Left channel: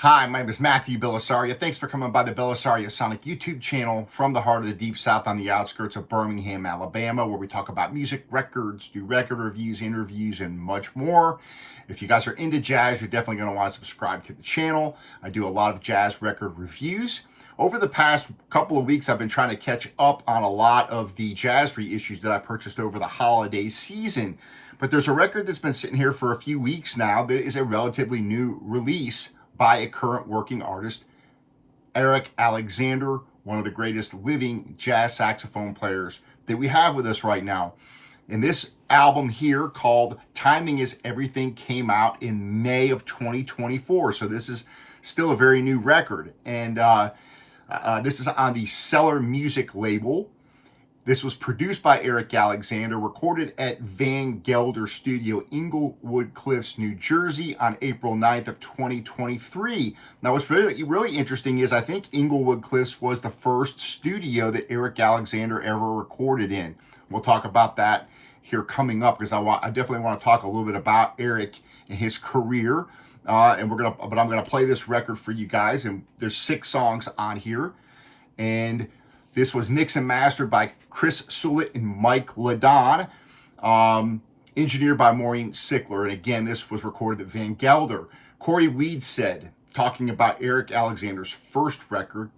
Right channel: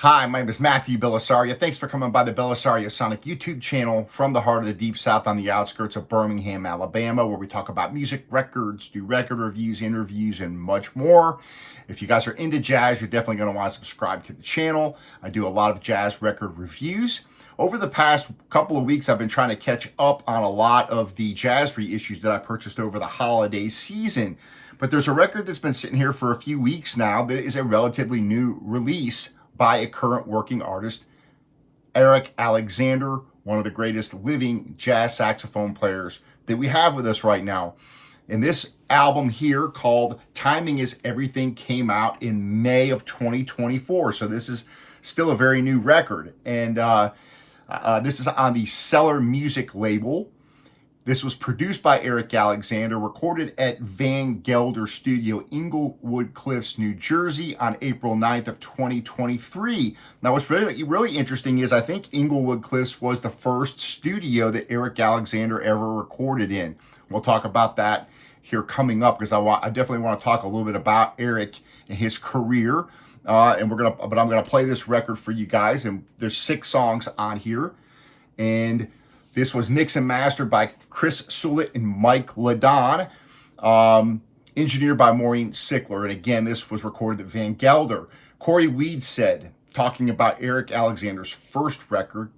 Hi, my name is Matthew Bellisario. Thanks for coming by the BellisarioSonic YouTube channel from the heart of the Deep South on the outskirts of Birmingham, Alabama, where we talk about music, records, do record reviews, interviews, and much more. If you guys are into jazz, you're definitely going to want to subscribe to the channel. I do a lot of jazz record reviews. Over the past couple of weeks, I've been trying to catch up on a lot of the jazz reissues that I purchased over the holiday season. But there's a record that's been sitting here for a few weeks now that is a relatively new release by a current working artist, Eric Alexander, one of the greatest living jazz saxophone players that we have with us right now. And this album here, called Timing is Everything, came out in May of 2024. So this is still a very new record. And this is on the Cellar music label. This was produced by Eric Alexander, recorded at Gelder Studios, Englewood Cliffs, New Jersey on April 9th of 2023. Now, what's really interesting is I think Englewood Cliffs was the first studio that Eric Alexander ever recorded in. We'll talk about that here coming up because I definitely want to talk a little bit about Eric and his career. But I'm gonna play this record for you guys, and there's 6 songs on here, and this was mixed and mastered by Chris Sullett and Mike Ladon, engineered by Maureen Sickler. And again, this was recorded at Van Gelder. Corey Weed said, talking about Eric Alexander's first record,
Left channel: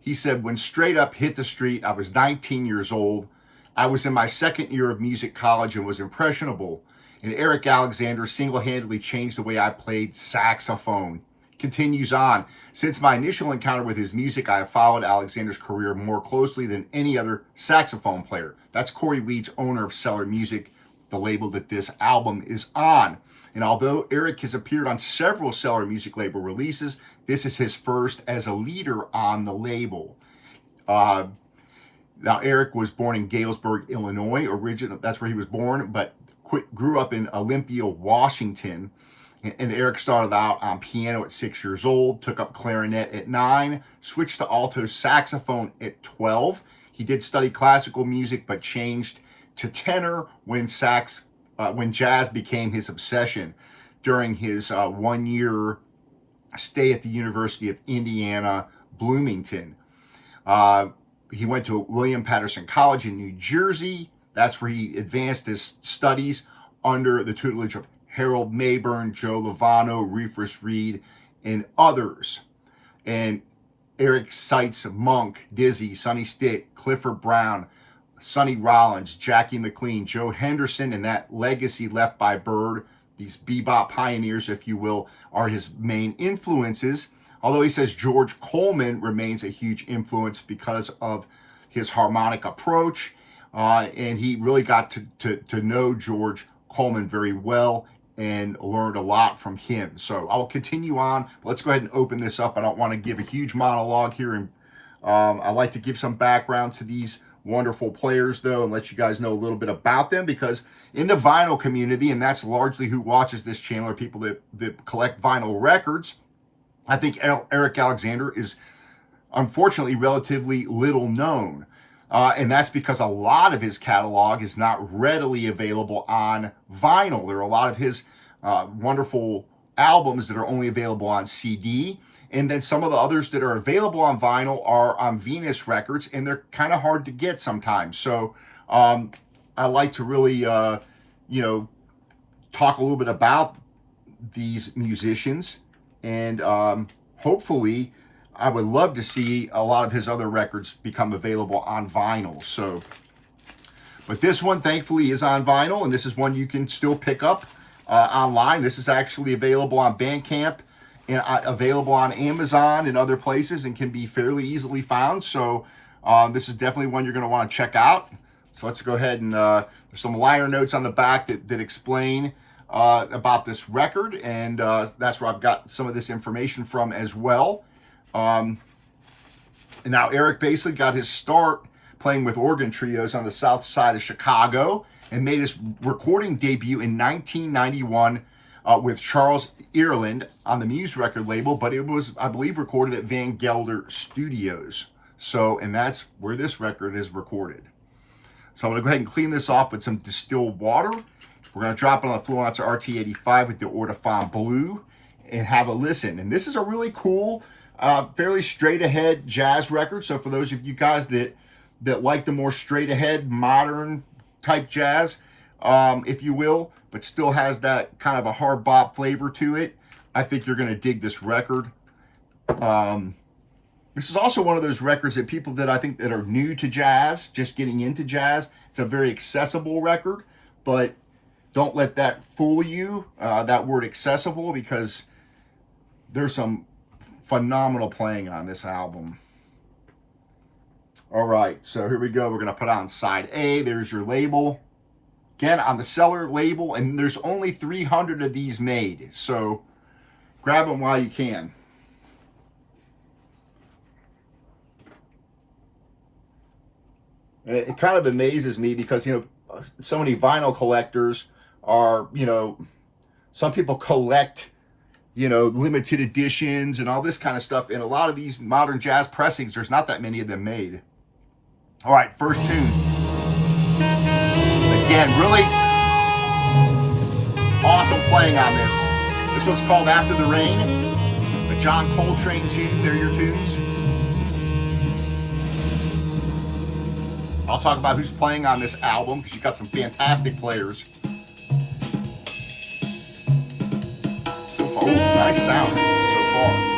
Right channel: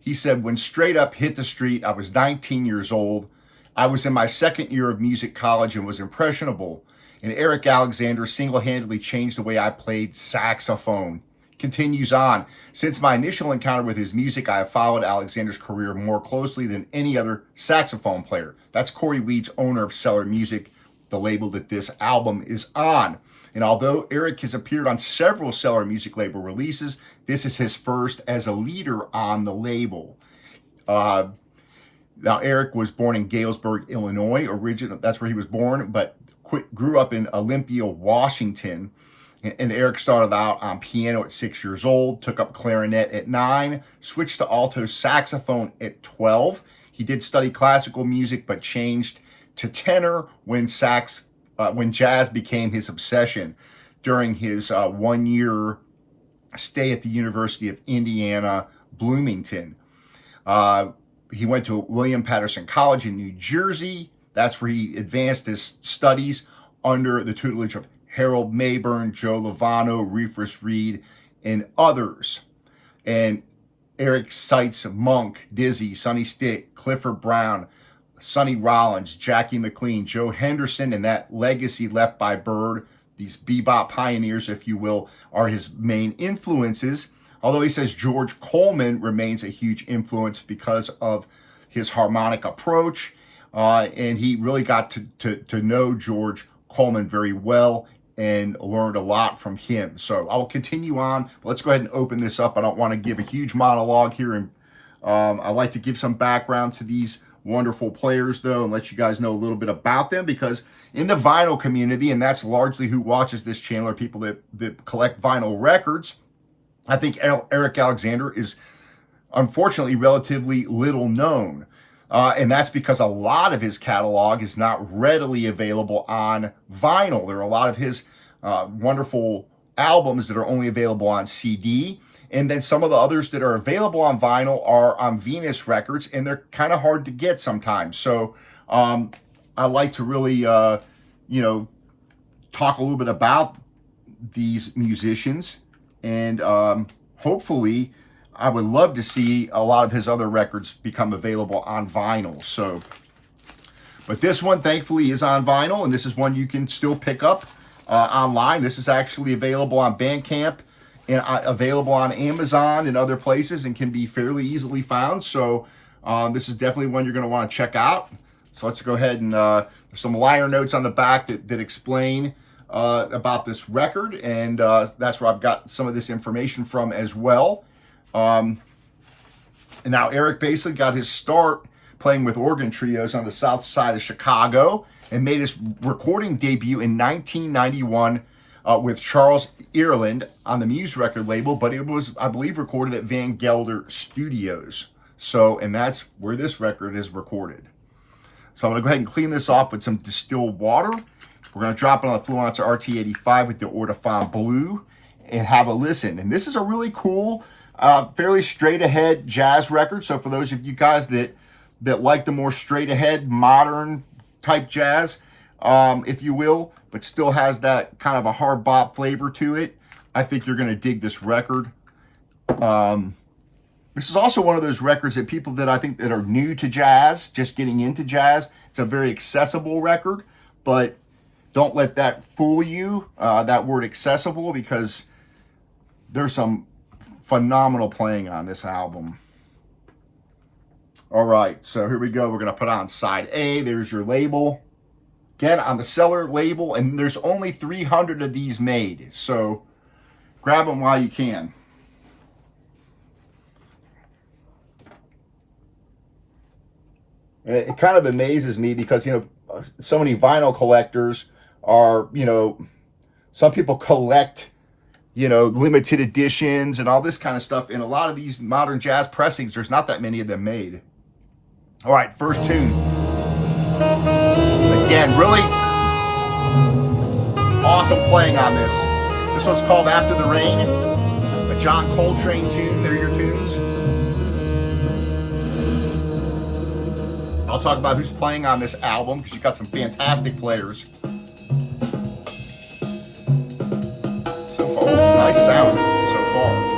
he said, "When Straight Up hit the street, I was 19 years old. I was in my second year of music college and was impressionable. And Eric Alexander single-handedly changed the way I played saxophone." Continues on, "Since my initial encounter with his music, I have followed Alexander's career more closely than any other saxophone player." That's Corey Weeds, owner of Cellar Music, the label that this album is on. And although Eric has appeared on several Cellar Music label releases, this is his first as a leader on the label. Now, Eric was born in Galesburg, Illinois. That's where he was born, but grew up in Olympia, Washington. And Eric started out on piano at 6 years old, took up clarinet at 9, switched to alto saxophone at 12. He did study classical music, but changed to tenor when jazz became his obsession during his 1-year stay at the University of Indiana, Bloomington. He went to William Patterson College in New Jersey. That's where he advanced his studies under the tutelage of Harold Mayburn, Joe Lovano, Rufus Reed, and others. And Eric cites Monk, Dizzy, Sonny Stitt, Clifford Brown, Sonny Rollins, Jackie McLean, Joe Henderson, and that legacy left by Bird, these bebop pioneers, if you will, are his main influences. Although he says George Coleman remains a huge influence because of his harmonic approach. And he really got to know George Coleman very well and learned a lot from him. So I'll continue on. Let's go ahead and open this up. I don't want to give a huge monologue here, and I like to give some background to these wonderful players, though, and let you guys know a little bit about them, because in the vinyl community, and that's largely who watches this channel, are people that collect vinyl records. I think Eric Alexander is unfortunately relatively little known. And that's because a lot of his catalog is not readily available on vinyl. There are a lot of his wonderful albums that are only available on CD. And then some of the others that are available on vinyl are on Venus Records, and they're kind of hard to get sometimes. So I like to really, talk a little bit about these musicians. And hopefully, I would love to see a lot of his other records become available on vinyl. But this one, thankfully, is on vinyl, and this is one you can still pick up online. This is actually available on Bandcamp and available on Amazon and other places, and can be fairly easily found. So this is definitely one you're going to want to check out. So let's go ahead and there's some liner notes on the back that explain about this record, and that's where I've got some of this information from as well. And now Eric basically got his start playing with organ trios on the south side of Chicago, and made his recording debut in 1991 with Charles Ireland on the Muse record label, but it was, I believe, recorded at Van Gelder Studios. So, and that's where this record is recorded. So I'm going to go ahead and clean this off with some distilled water. We're going to drop it on the Fluence RT85 with the Audiophile Blue. and have a listen. And this is a really cool, fairly straight ahead jazz record. So for those of you guys that like the more straight ahead modern type jazz, if you will, but still has that kind of a hard bop flavor to it, I think you're going to dig this record. This is also one of those records that people that I think that are new to jazz, just getting into jazz, it's a very accessible record, but don't let that fool you, that word accessible, because there's some phenomenal playing on this album. All right, so here we go. We're going to put on side A. There's your label. Again, on the Cellar label, and there's only 300 of these made, so grab them while you can. And it kind of amazes me because, you know, so many vinyl collectors are, you know, some people collect, you know, limited editions and all this kind of stuff. And a lot of these modern jazz pressings, there's not that many of them made. All right, first tune. Again, really awesome playing on this. This one's called After the Rain, a John Coltrane tune. They're your tunes. I'll talk about who's playing on this album because you've got some fantastic players. So far, ooh, nice sound so far.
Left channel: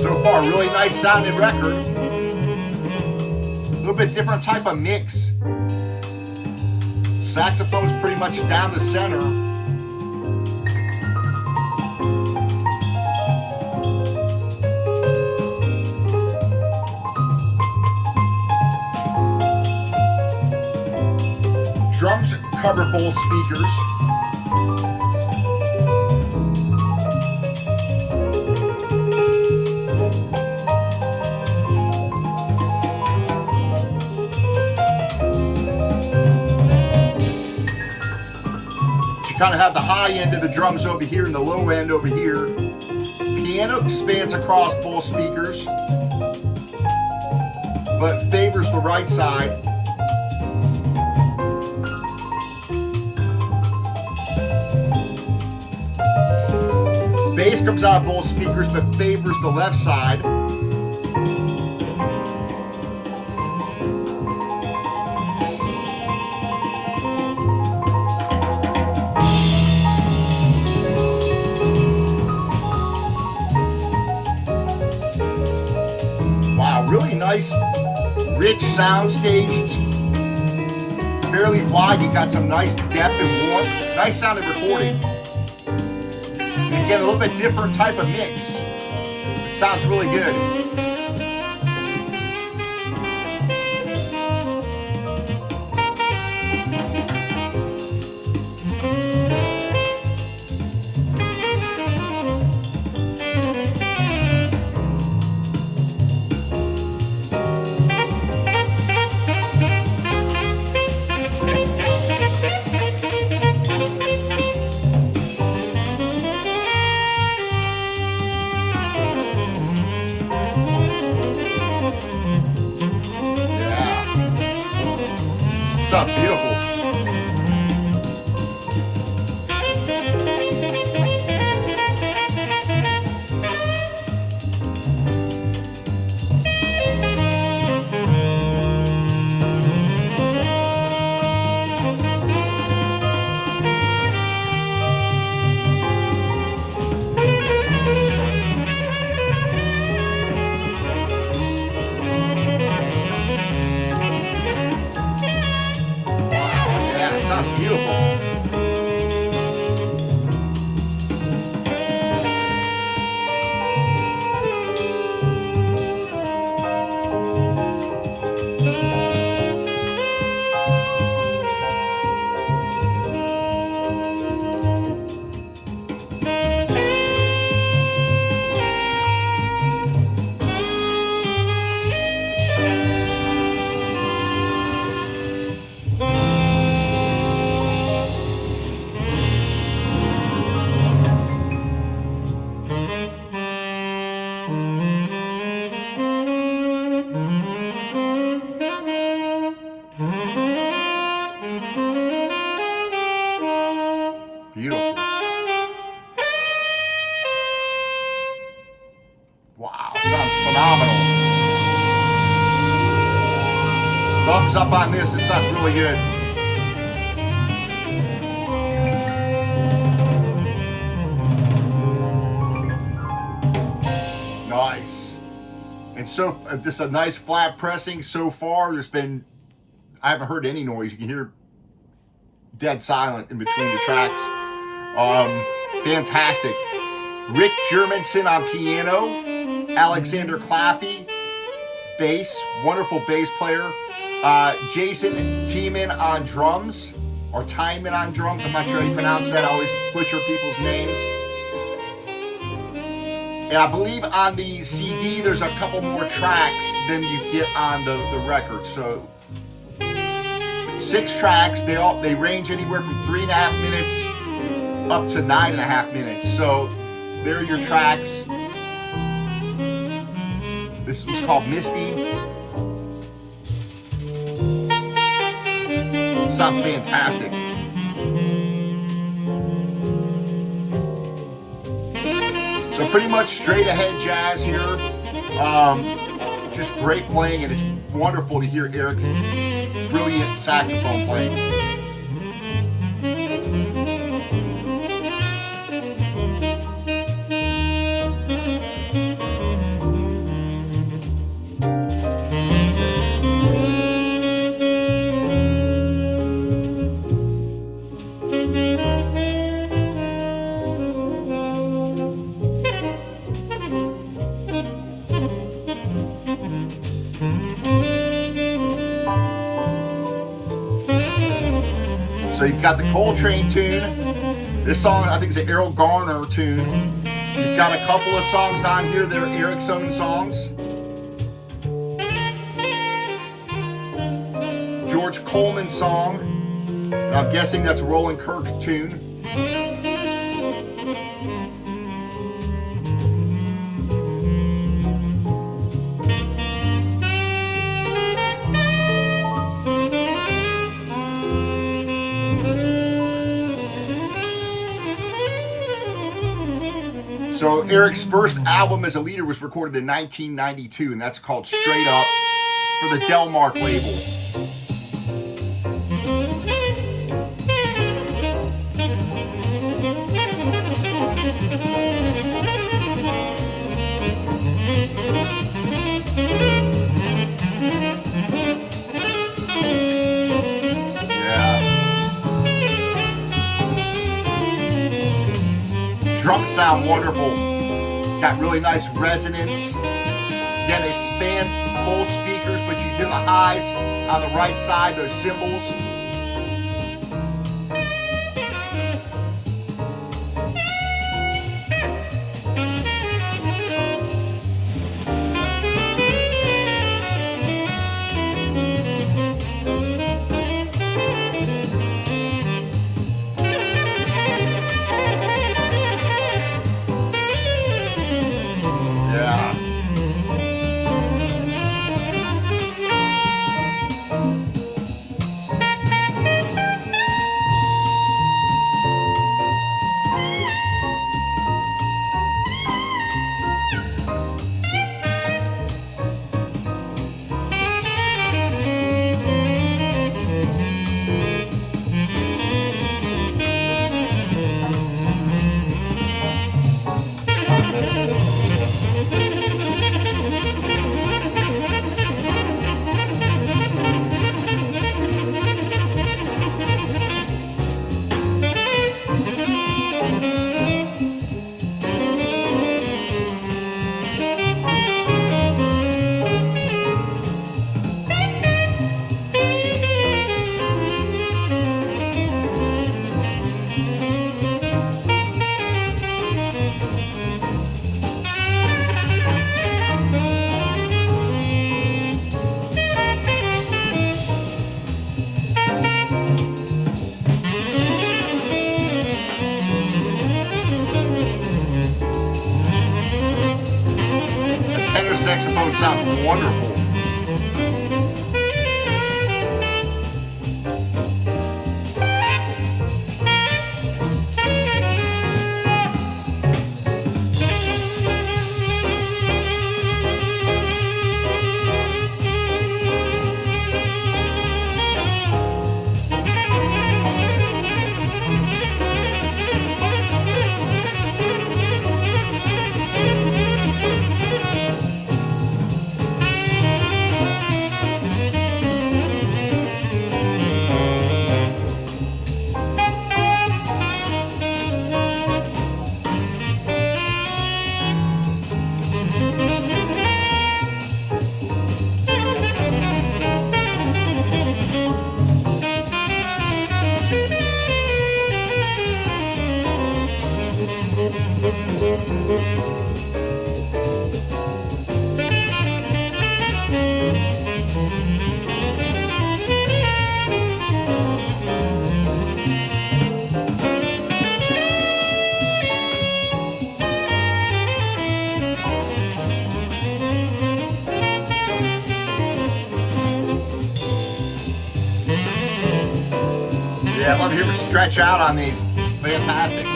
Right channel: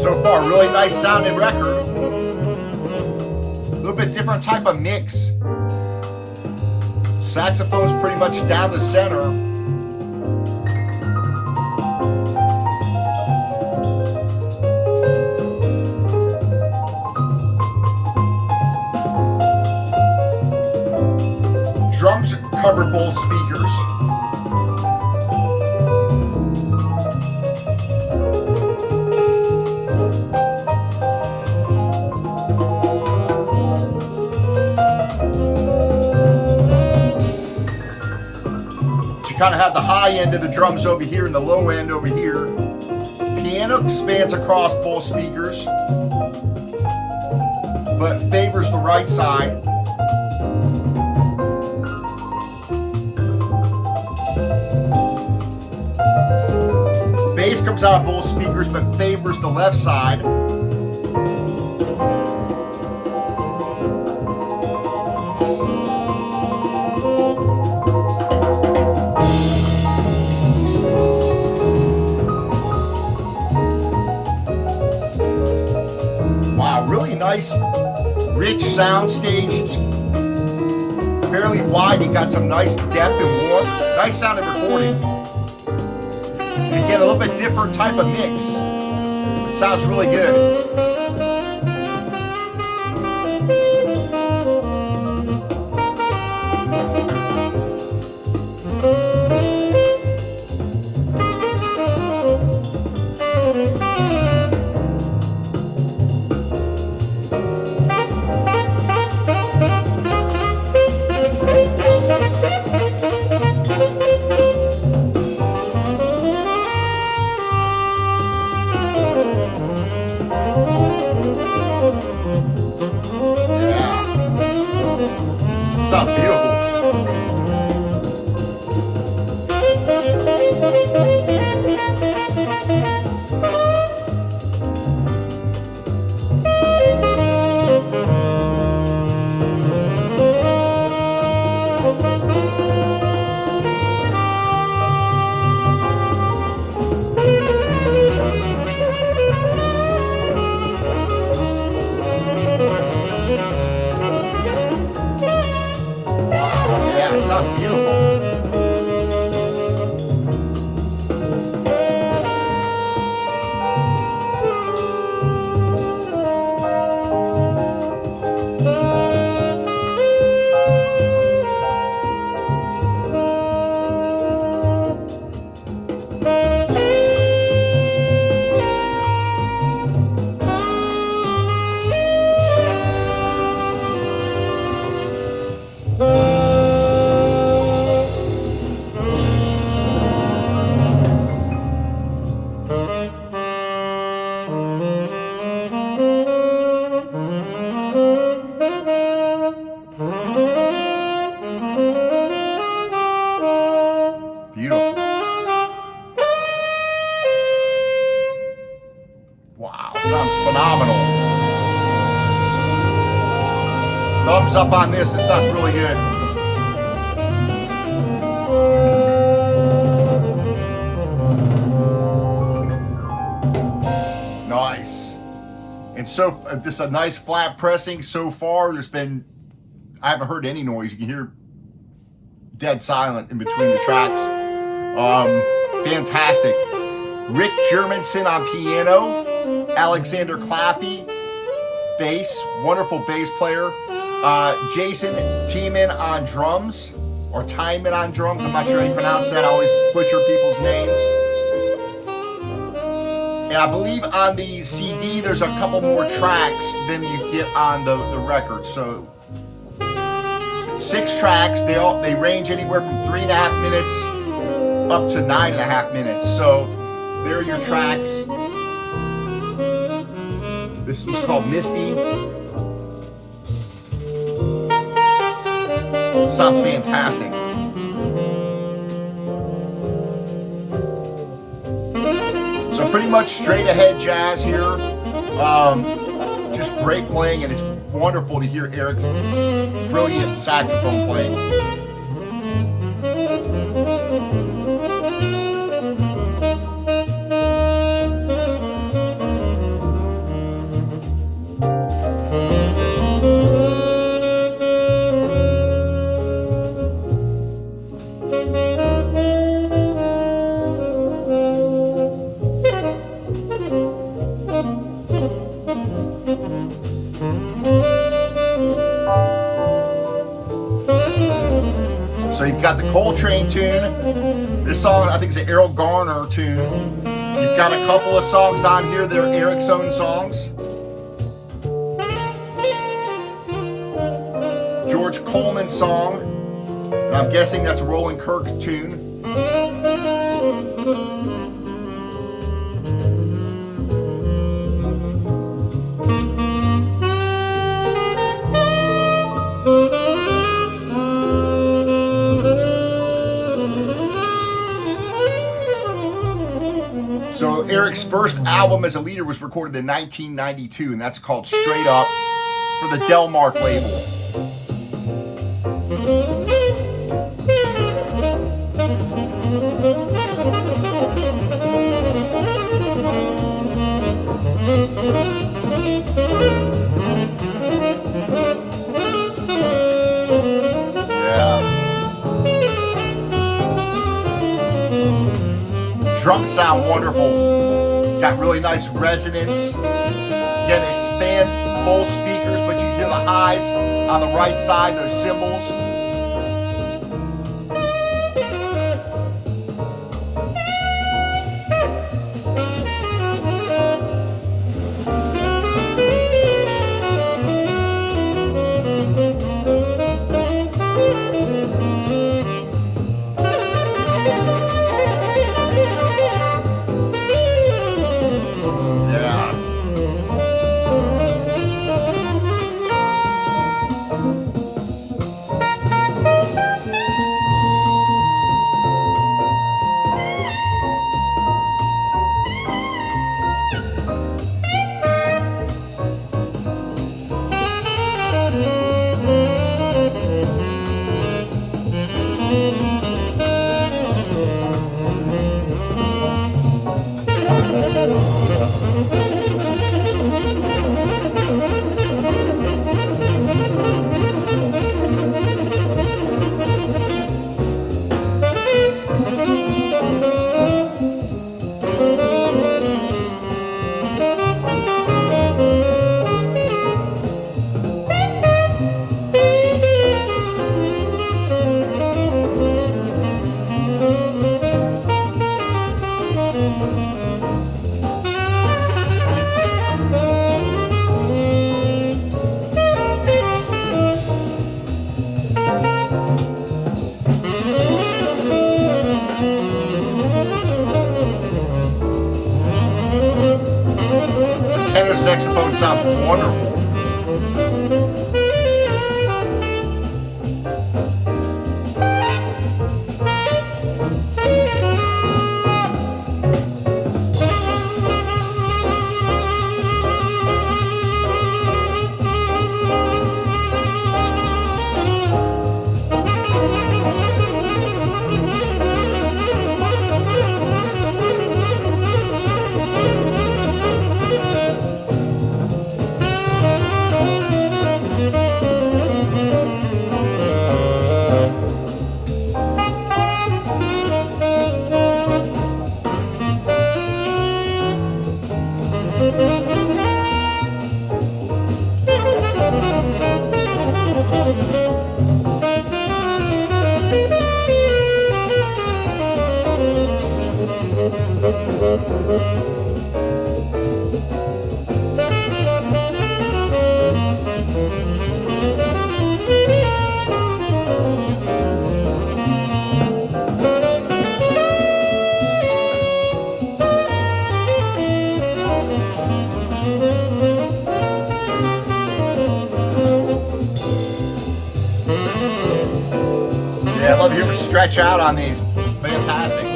So far, really nice sounding record. A little bit different type of mix. Saxophone's pretty much down the center. Drums cover both speakers. Kind of have the high end of the drums over here and the low end over here. Piano spans across both speakers, but favors the right side. Bass comes out of both speakers, but favors the left side. Really nice, rich sound stage. It's fairly wide. You got some nice depth and warmth. Nice sounding recording. And again, a little bit different type of mix. It sounds really good. Sounds beautiful. Sounds phenomenal. Thumbs up on this. This sounds really good. Nice. And so this is a nice flat pressing so far. I haven't heard any noise. You can hear dead silent in between the tracks. Fantastic. Rick Germanson on piano, Alexander Claffy, bass, wonderful bass player. Jason Tiemann on drums, or Tiemann on drums. I'm not sure how you pronounce that. I always butcher people's names. And I believe on the CD, there's a couple more tracks than you get on the record. So 6 tracks. They range anywhere from 3.5 minutes up to 9.5 minutes. So there are your tracks. This was called Misty. Sounds fantastic. So pretty much straight ahead jazz here. Just great playing, and it's wonderful to hear Eric's brilliant saxophone playing. So you've got the Coltrane tune. This song, I think, is an Errol Garner tune. You've got a couple of songs on here that are Eric's own songs. George Coleman song. And I'm guessing that's a Roland Kirk tune. So Eric's first album as a leader was recorded in 1992, and that's called Straight Up for the Delmark label. Drums sound wonderful. Got really nice resonance. Again, they span both speakers, but you hear the highs on the right side, those cymbals. Tenor saxophone sounds wonderful. Yeah, I love to hear him stretch out on these. Fantastic.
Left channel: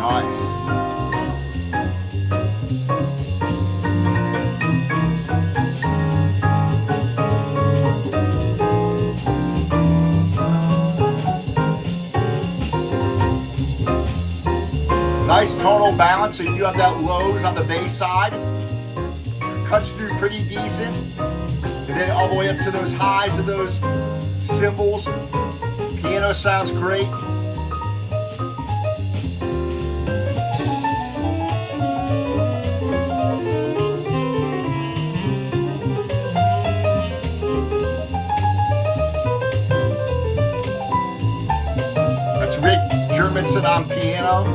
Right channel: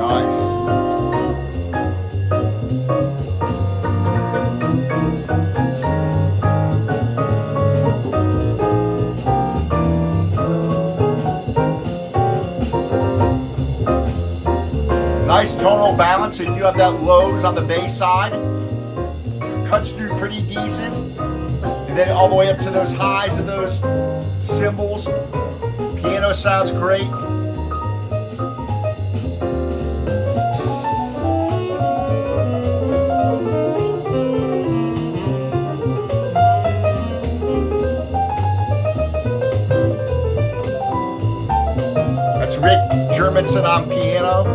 Nice. Nice tonal balance, so you do have that lows on the bass side. Cuts through pretty decent. And then all the way up to those highs of those cymbals. Piano sounds great. That's Rick Germanson on piano.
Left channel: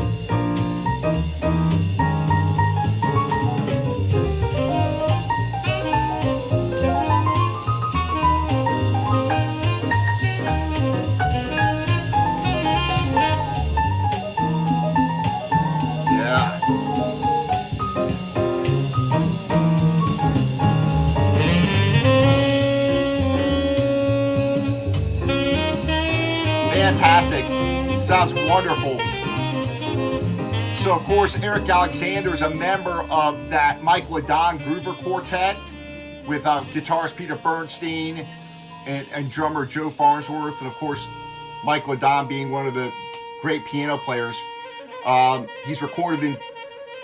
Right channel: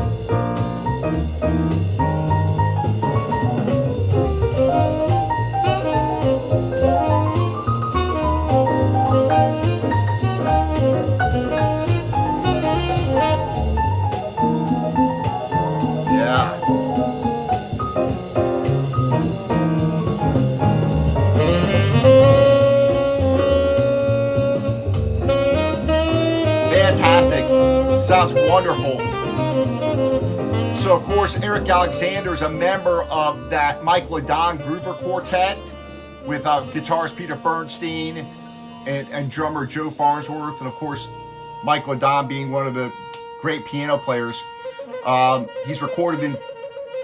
Yeah. Fantastic. Sounds wonderful. So, of course, Eric Alexander is a member of that Mike LaDon Groover Quartet with guitarist Peter Bernstein and drummer Joe Farnsworth. And, of course, Mike LaDon being one of the great piano players. He's recorded and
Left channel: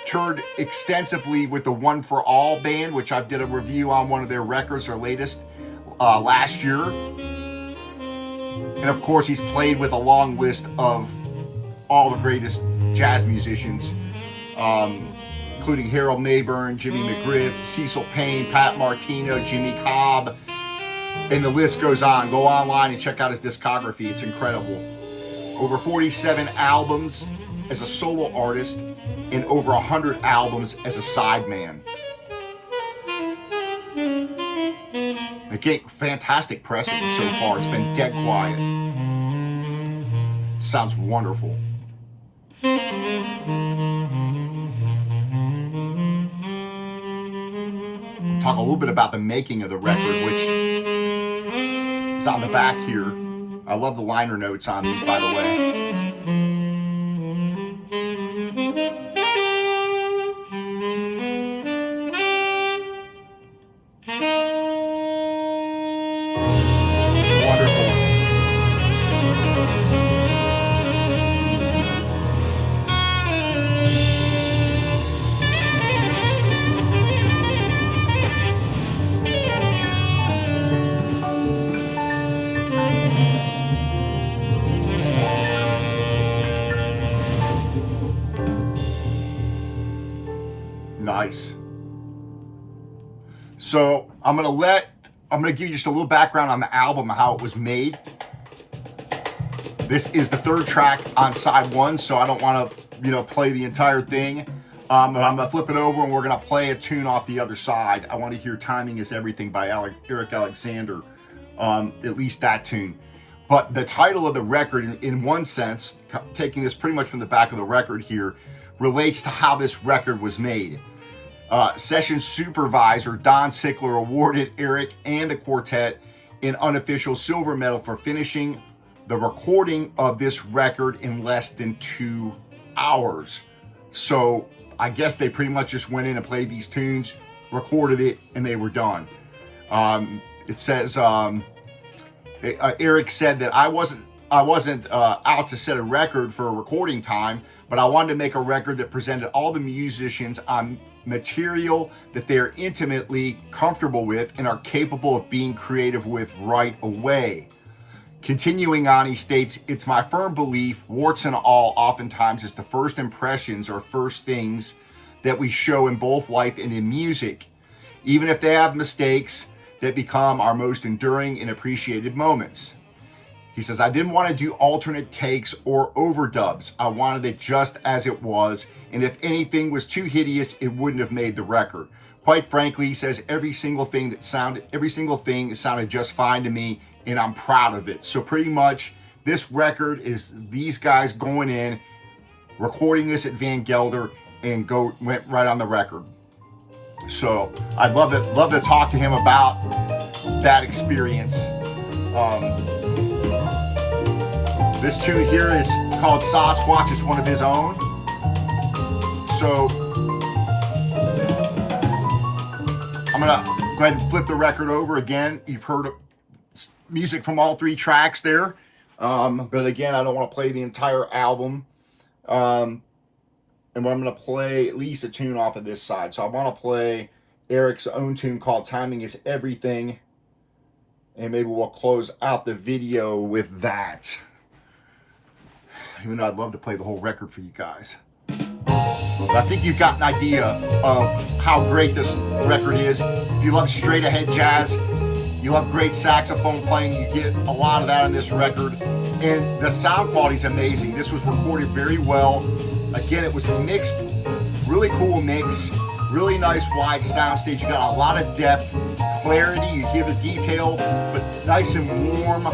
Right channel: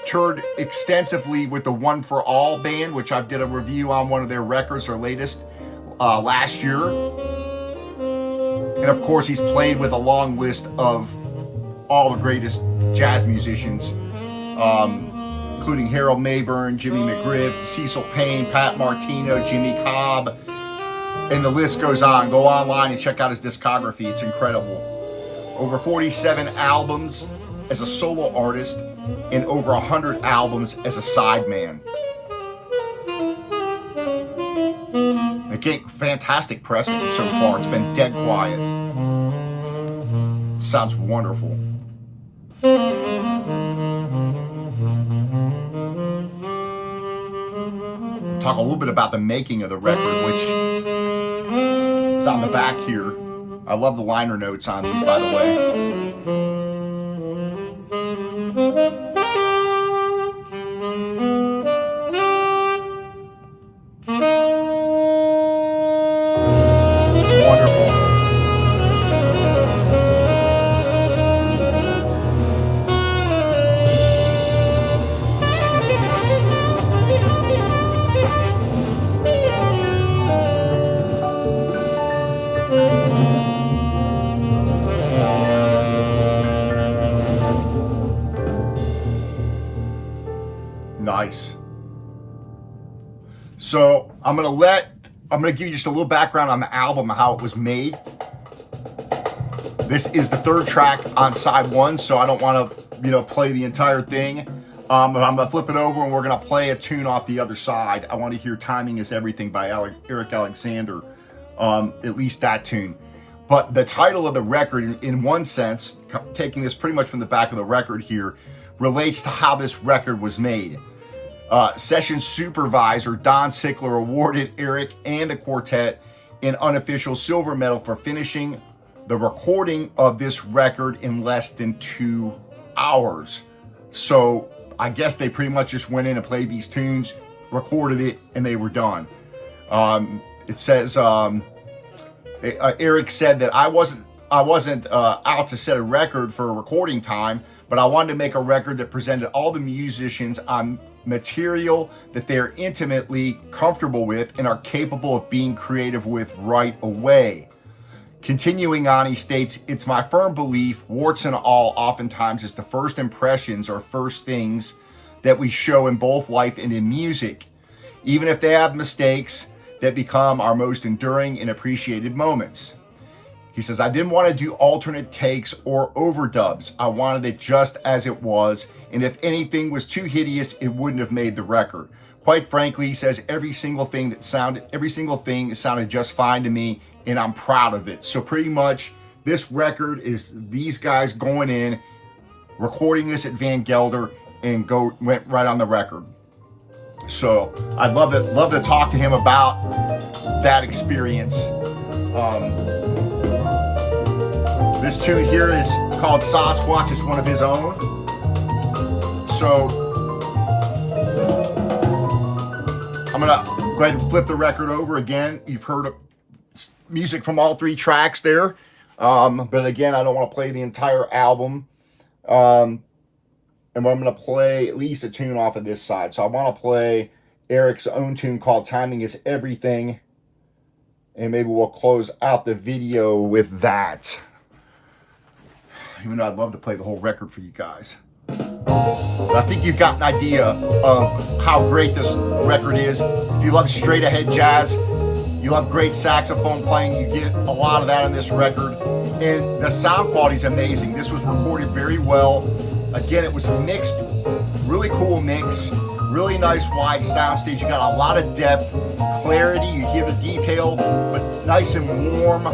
toured extensively with the One for All band, which I did a review on one of their records, their latest, last year. And of course, he's played with a long list of all the greatest jazz musicians, including Harold Mayburn, Jimmy McGriff, Cecil Payne, Pat Martino, Jimmy Cobb, and the list goes on. Go online and check out his discography. It's incredible. Over 47 albums as a solo artist and over 100 albums as a sideman. Again, fantastic pressing so far. It's been dead quiet. Sounds wonderful. Talk a little bit about the making of the record, which is on the back here. I love the liner notes on these, by the way. Wonderful. Nice. So I'm gonna give you just a little background on the album and how it was made. This is the third track on side one, so I don't want to, play the entire thing. I'm gonna flip it over and we're gonna play a tune off the other side. I want to hear "Timing Is Everything" by Eric Alexander, at least that tune. But the title of the record, in one sense, taking this pretty much from the back of the record here, relates to how this record was made. Session supervisor Don Sickler awarded Eric and the quartet an unofficial silver medal for finishing the recording of this record in less than 2 hours. So I guess they pretty much just went in and played these tunes, recorded it, and they were done. It says Eric said that I wasn't out to set a record for a recording time, but I wanted to make a record that presented all the musicians on material that they're intimately comfortable with and are capable of being creative with right away. Continuing on, he states, "It's my firm belief, warts and all, oftentimes it's the first impressions or first things that we show in both life and in music. Even if they have mistakes, that become our most enduring and appreciated moments. He says, I didn't want to do alternate takes or overdubs. I wanted it just as it was, and if anything was too hideous, it wouldn't have made the record. Quite frankly, he says, every single thing sounded just fine to me, and I'm proud of it. So pretty much, this record is these guys going in, recording this at Van Gelder, and went right on the record. So I'd love to talk to him about that experience. This tune here is called Sasquatch. It's one of his own. So I'm gonna go ahead and flip the record over again. You've heard music from all three tracks there. But again, I don't want to play the entire album. And I'm going to play at least a tune off of this side. So I want to play Eric's own tune called Timing Is Everything. And maybe we'll close out the video with that. Even though I'd love to play the whole record for you guys. But I think you've got an idea of how great this record is. If you love straight ahead jazz, you love great saxophone playing, you get a lot of that on this record. And the sound quality is amazing. This was recorded very well. Again, it was mixed, really cool mix, really nice wide soundstage. You got a lot of depth, clarity, you hear the detail, but nice and warm,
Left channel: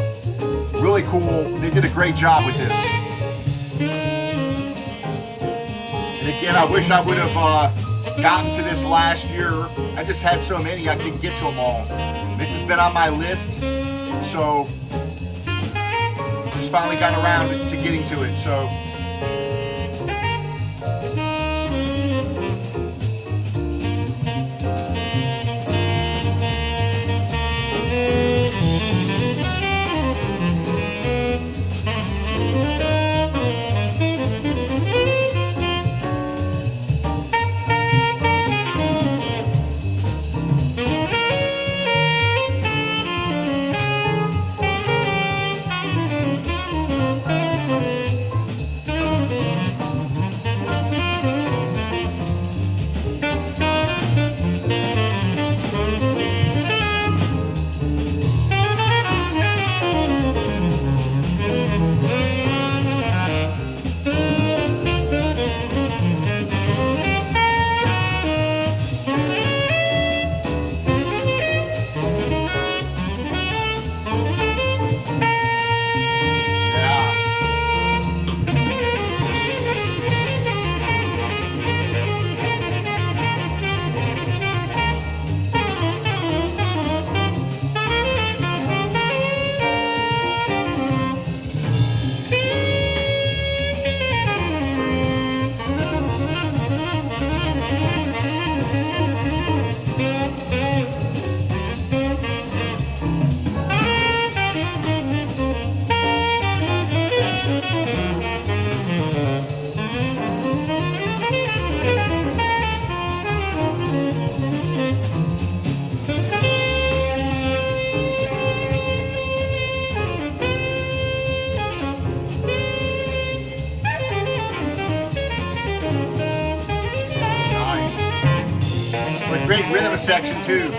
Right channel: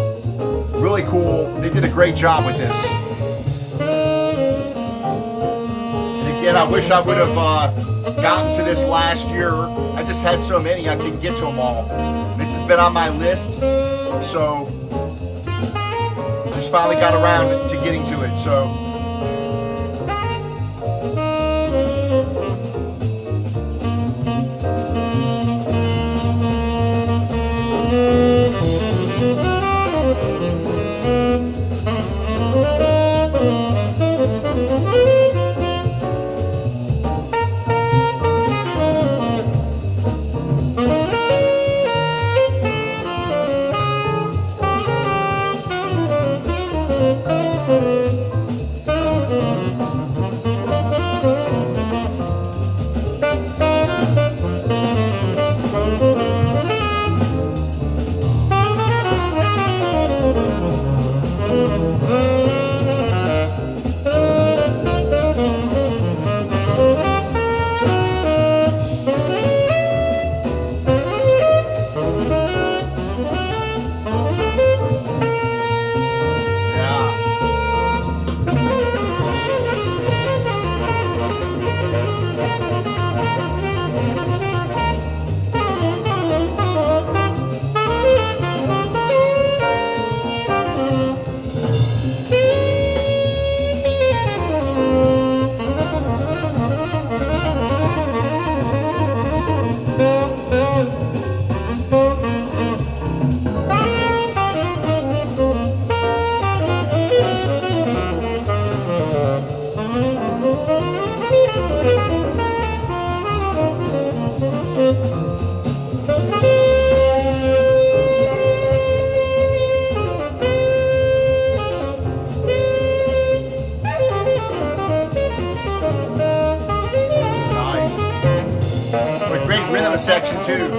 really cool. They did a great job with this. And again, I wish I would have gotten to this last year. I just had so many, I couldn't get to them all. This has been on my list, so just finally got around to getting to it. So great rhythm section too.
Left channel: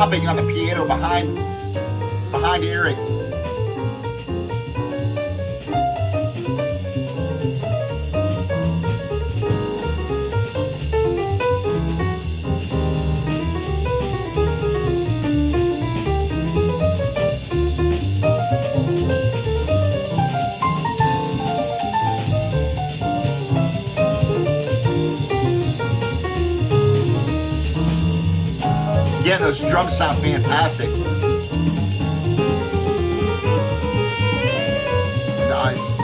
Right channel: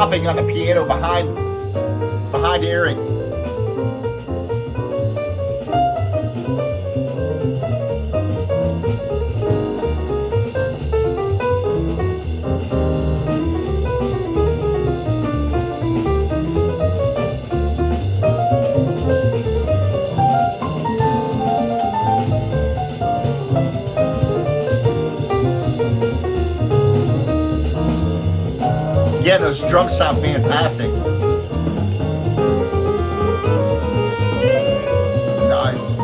chopping on the piano behind Eric. Yeah, those drums sound fantastic. Nice.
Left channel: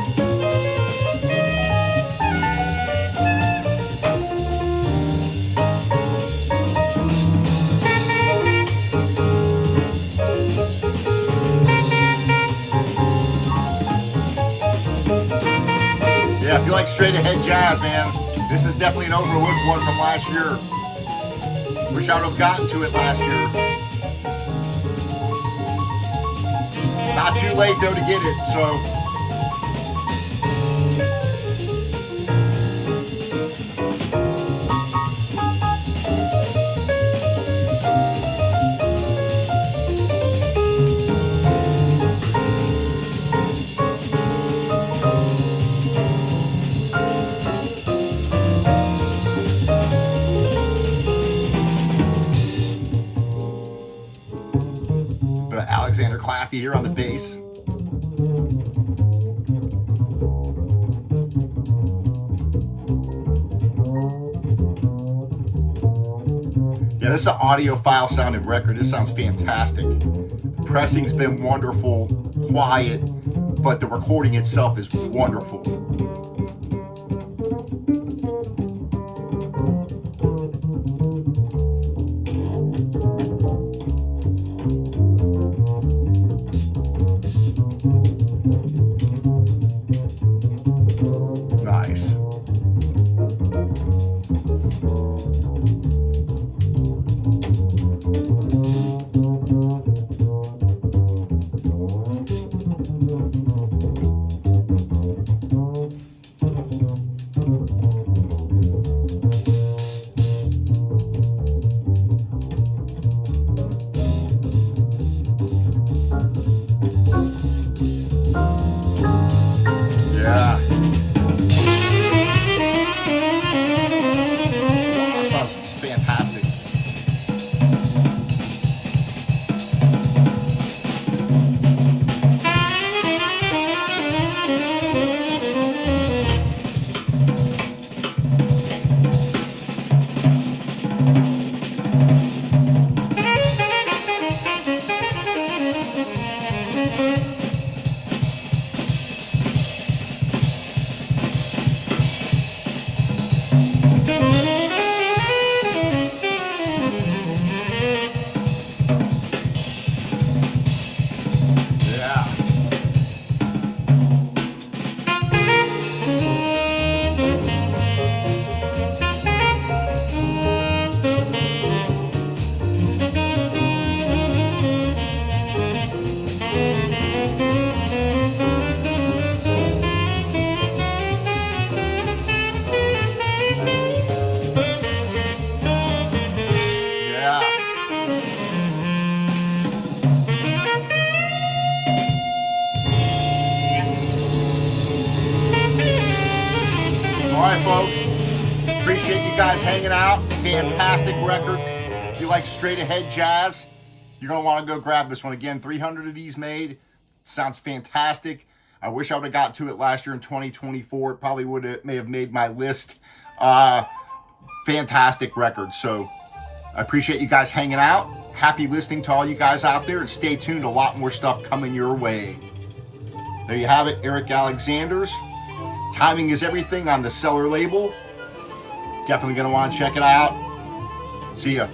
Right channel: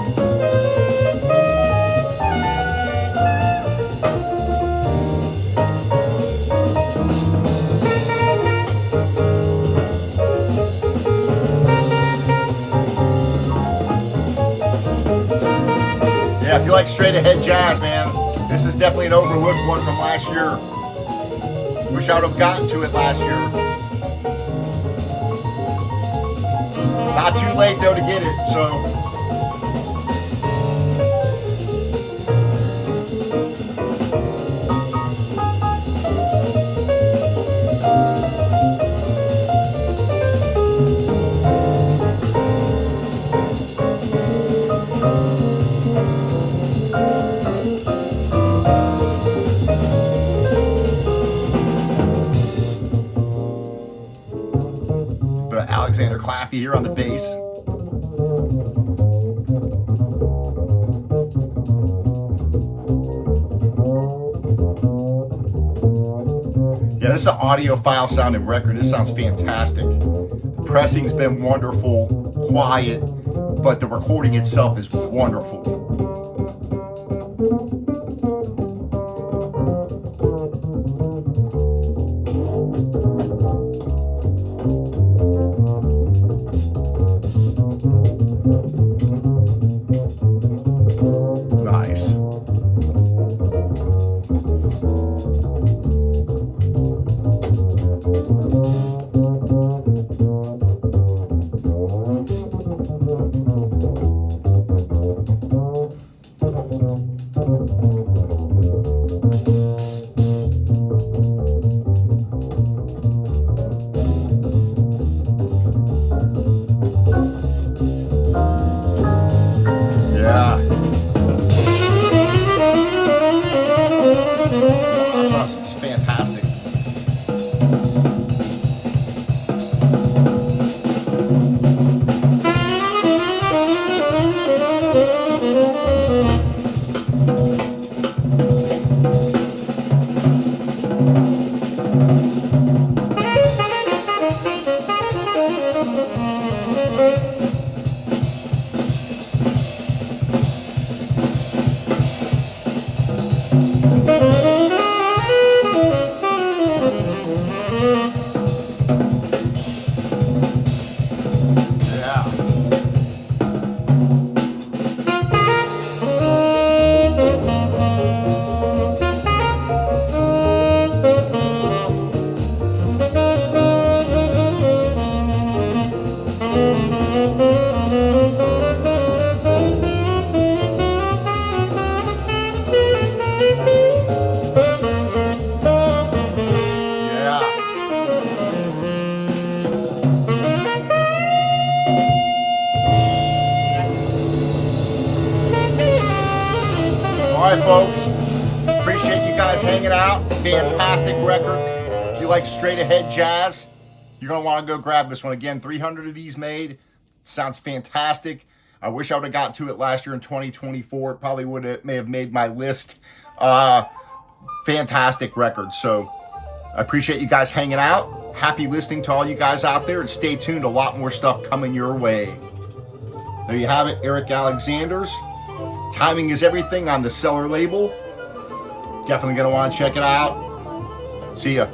Yeah, if you like straight ahead jazz, man, this is definitely an overlooked one from last year. Wish I would have gotten to it last year. Not too late though to get it, so. Alexander Claffy here on the bass. Yeah, this is an audiophile sounding record. This sounds fantastic. The pressing's been wonderful, quiet, but the recording itself is wonderful. Nice. Yeah. That sounds fantastic. All right, folks. Appreciate you guys hanging out. Fantastic record. If you like straight ahead jazz, you're going to want to go grab this one. Again, 300 of these made. Sounds fantastic. I wish I would have got to it last year in 2024. It probably may have made my list. Fantastic record. So I appreciate you guys hanging out. Happy listening to all you guys out there, and stay tuned. A lot more stuff coming your way. There you have it, Eric Alexander's Timing is Everything on the Cellar label. Definitely going to want to check it out. See ya.